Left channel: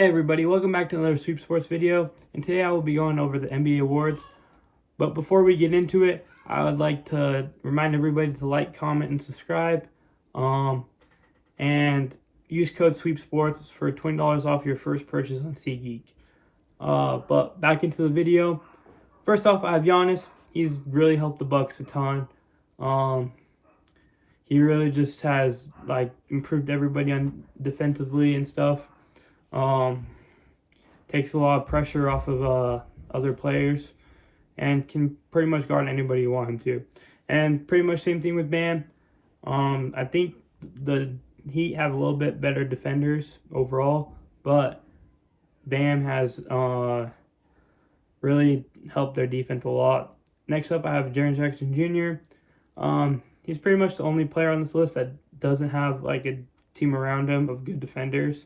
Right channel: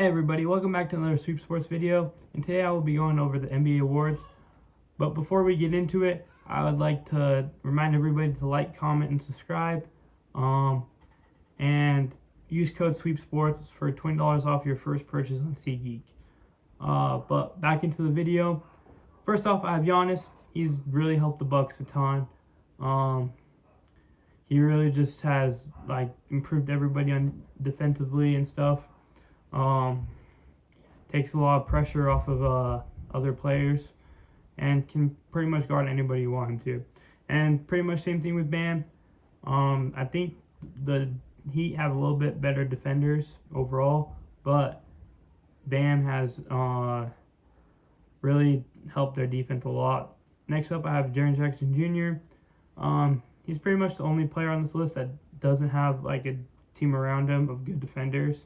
Hey everybody, welcome back to another Sweep Sports video, and today I will be going over the NBA awards. But before we get into it, I would like to remind everybody to like, comment, and subscribe, and use code SweepSports for $20 off your first purchase on SeatGeek. But back into the video. First off, I have Giannis. He's really helped the Bucks a ton. He really just has improved everybody on defensively and stuff. Takes a lot of pressure off of other players and can pretty much guard anybody you want him to. And pretty much same thing with Bam. I think the Heat have a little bit better defenders overall, but Bam has really helped their defense a lot. Next up, I have Jaren Jackson Jr. He's pretty much the only player on this list that doesn't have like a team around him of good defenders.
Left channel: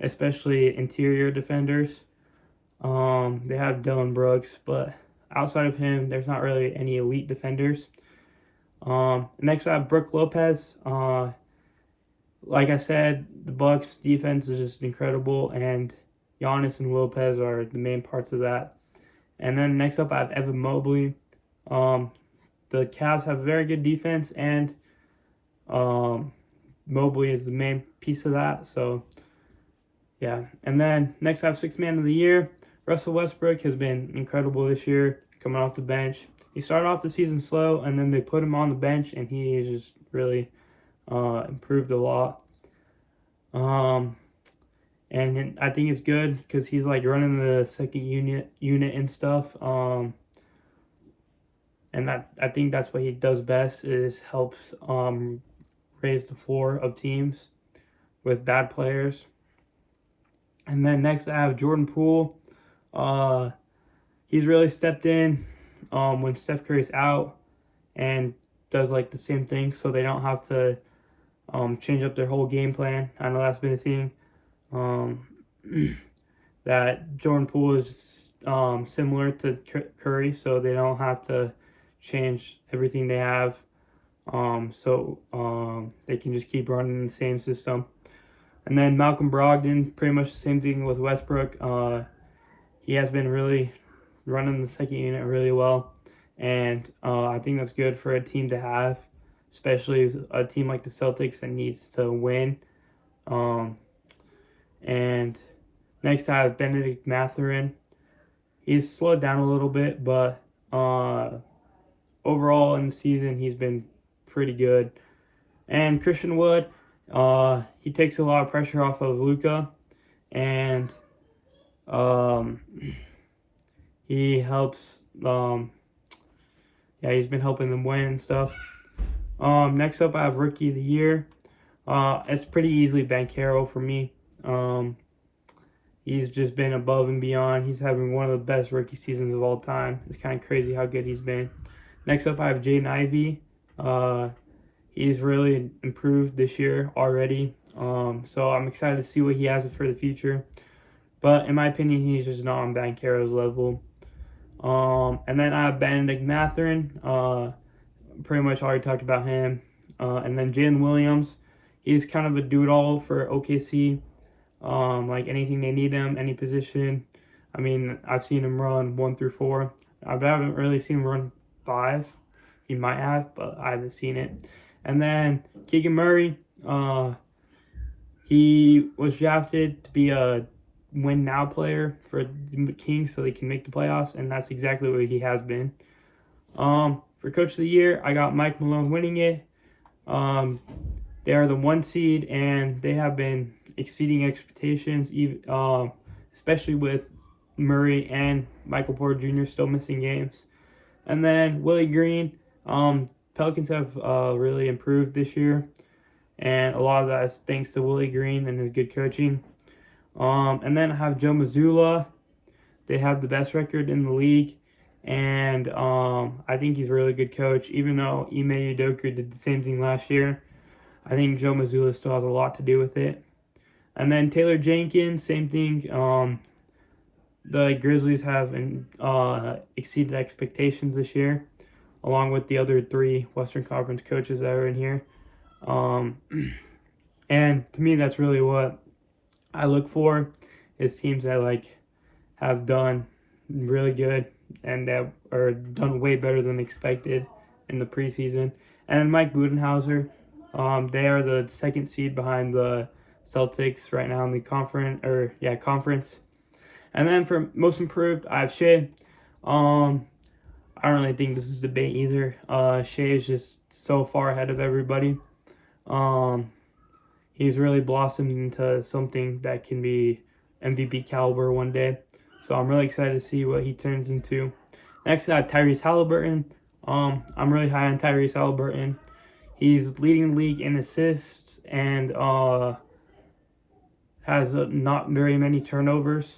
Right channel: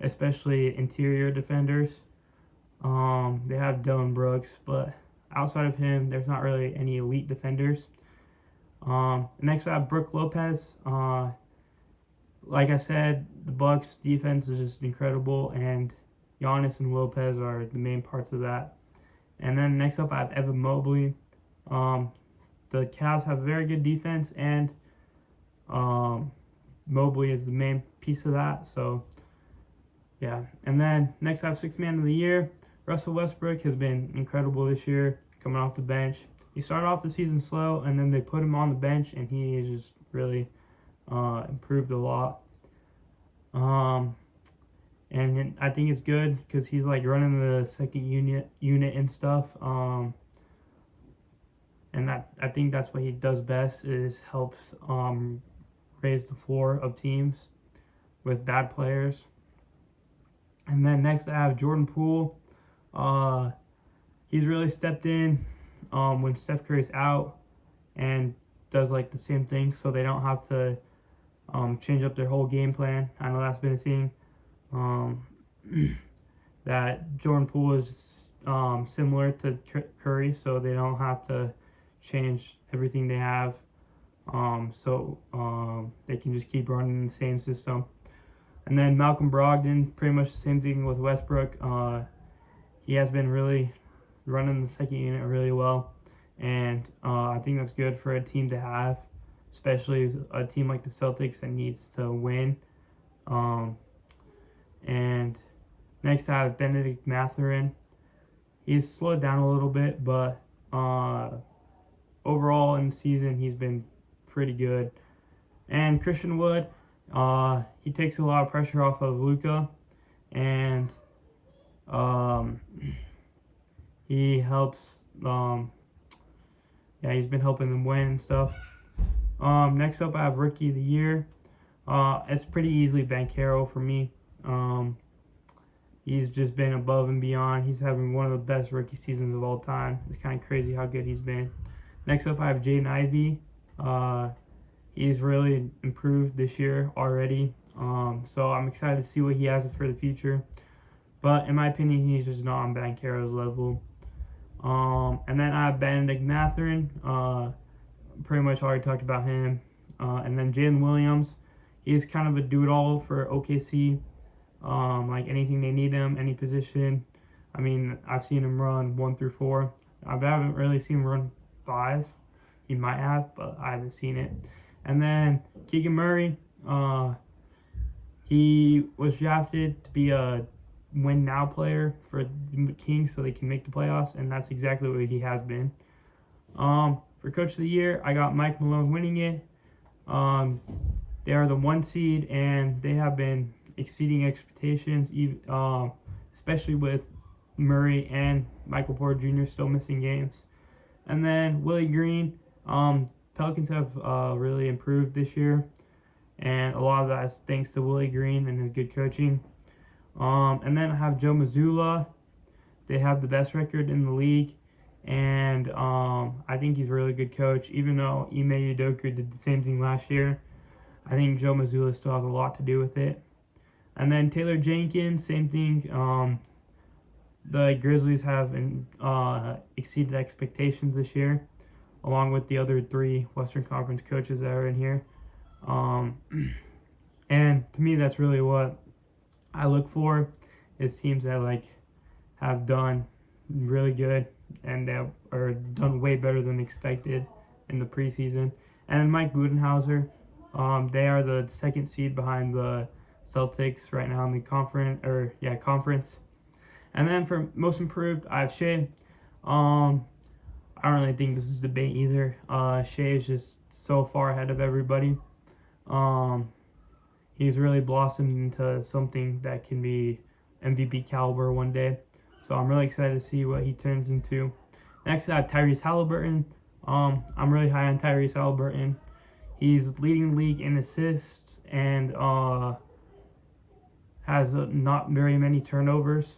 Especially interior defenders. They have Dylan Brooks, but outside of him, there's not really any elite defenders. Next, I have Brook Lopez. Like I said, the Bucks' defense is just incredible, and Giannis and Lopez are the main parts of that. And then next up, I have Evan Mobley. The Cavs have a very good defense, and Mobley is the main piece of that. So yeah, and then next I have Sixth Man of the Year. Russell Westbrook has been incredible this year, coming off the bench. He started off the season slow, and then they put him on the bench, and he has just really improved a lot. And I think it's good because he's like running the second unit and stuff. And that I think that's what he does best, is helps raise the floor of teams with bad players. And then next I have Jordan Poole. He's really stepped in when Steph Curry's out and does like the same thing, so they don't have to change up their whole game plan. I know that's been a thing. That Jordan Poole is similar to Curry, so they don't have to change everything they have. So they can just keep running the same system. And then Malcolm Brogdon, pretty much the same thing with Westbrook. He has been really running the second unit really well, and I think that's good for a team to have, especially a team like the Celtics that needs to win. And next I have Benedict Mathurin. He's slowed down a little bit, but overall in the season he's been pretty good. And Christian Wood, he takes a lot of pressure off of LUKA, and he helps. He's been helping them win and stuff. Next up, I have Rookie of the Year. It's pretty easily Banchero for me. He's just been above and beyond. He's having one of the best rookie seasons of all time. It's kind of crazy how good he's been. Next up, I have Jaden Ivey. He's really improved this year already. So I'm excited to see what he has for the future. But in my opinion, he's just not on Banchero's level. And then I have Benedict Mathurin. Pretty much already talked about him. And then Jalen Williams. He's kind of a do-it-all for OKC. Like anything they need him, any position. I mean, I've seen him run 1 through 4. I haven't really seen him run 5. He might have, but I haven't seen it. And then Keegan Murray, he was drafted to be a win-now player for the Kings so they can make the playoffs, and that's exactly what he has been. For Coach of the Year, I got Mike Malone winning it. They are the 1 seed, and they have been exceeding expectations, especially with Murray and Michael Porter Jr. still missing games. And then Willie Green, Pelicans have really improved this year, and a lot of that is thanks to Willie Green and his good coaching. And then I have Joe Mazzulla. They have the best record in the league, and I think he's a really good coach. Even though Ime Udoka did the same thing last year, I think Joe Mazzulla still has a lot to do with it. And then Taylor Jenkins, same thing. The Grizzlies have exceeded expectations this year, along with the other 3 Western Conference coaches that are in here. And to me, that's really what I look for is teams that like have done really good and that are done way better than expected in the preseason. And then Mike Budenholzer, they are the second seed behind the Celtics right now in the conference. And then for most improved, I have Shea. I don't really think this is a debate either. Shea is just so far ahead of everybody. Um, he's really blossomed into something that can be MVP caliber one day. So I'm really excited to see what he turns into. Next, I have Tyrese Halliburton. I'm really high on Tyrese Halliburton. He's leading the league in assists and has not very many turnovers.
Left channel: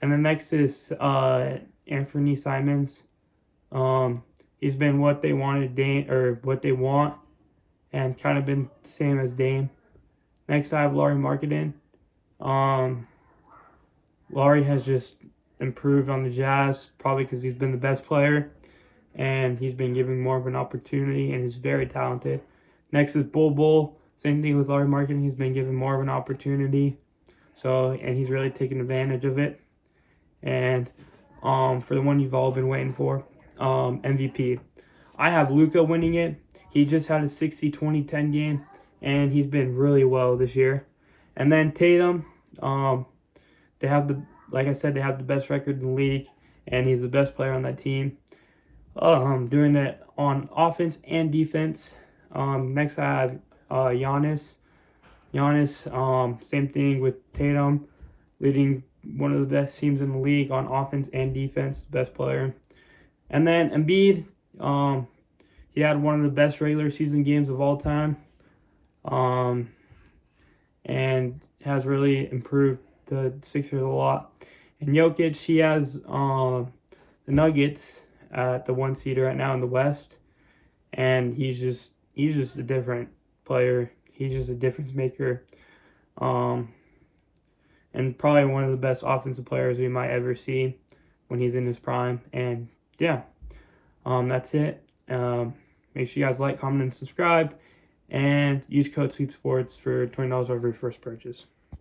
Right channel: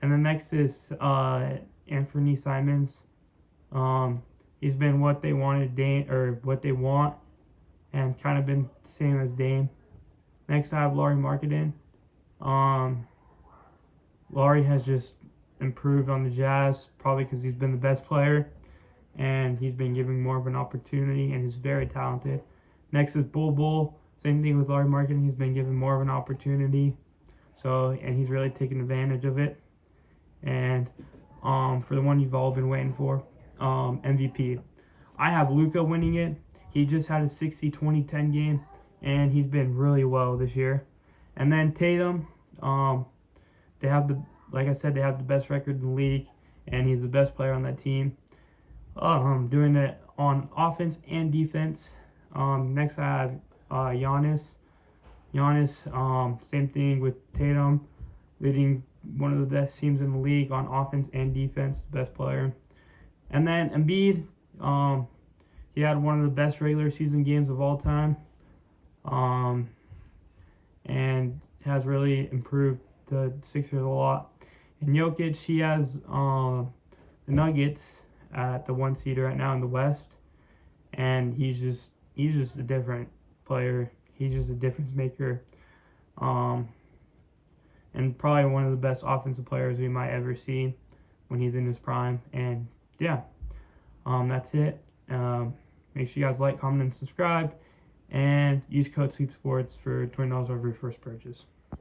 And then next is Anthony Simons. He's been what they wanted what they want, and kind of been the same as Dame. Next, I have Lauri Markkanen. Lauri has just improved on the Jazz, probably because he's been the best player, and he's been given more of an opportunity, and he's very talented. Next is Bull. Same thing with Lauri Markkanen. He's been given more of an opportunity, and he's really taken advantage of it. And for the one you've all been waiting for, MVP. I have LUKA winning it. He just had a 60-20-10 game, and he's been really well this year. And then Tatum, they have like I said, they have the best record in the league, and he's the best player on that team. Doing it on offense and defense. Next I have Giannis. Same thing with Tatum, leading one of the best teams in the league on offense and defense, best player. And then Embiid, he had one of the best regular season games of all time, and has really improved the Sixers a lot. And Jokic, he has the Nuggets at the 1 seed right now in the West, and he's just a different player. He's just a difference maker, and probably one of the best offensive players we might ever see when he's in his prime. And yeah, that's it. Make sure you guys like, comment, and subscribe, and use code SweepSports for $20 off your first purchase.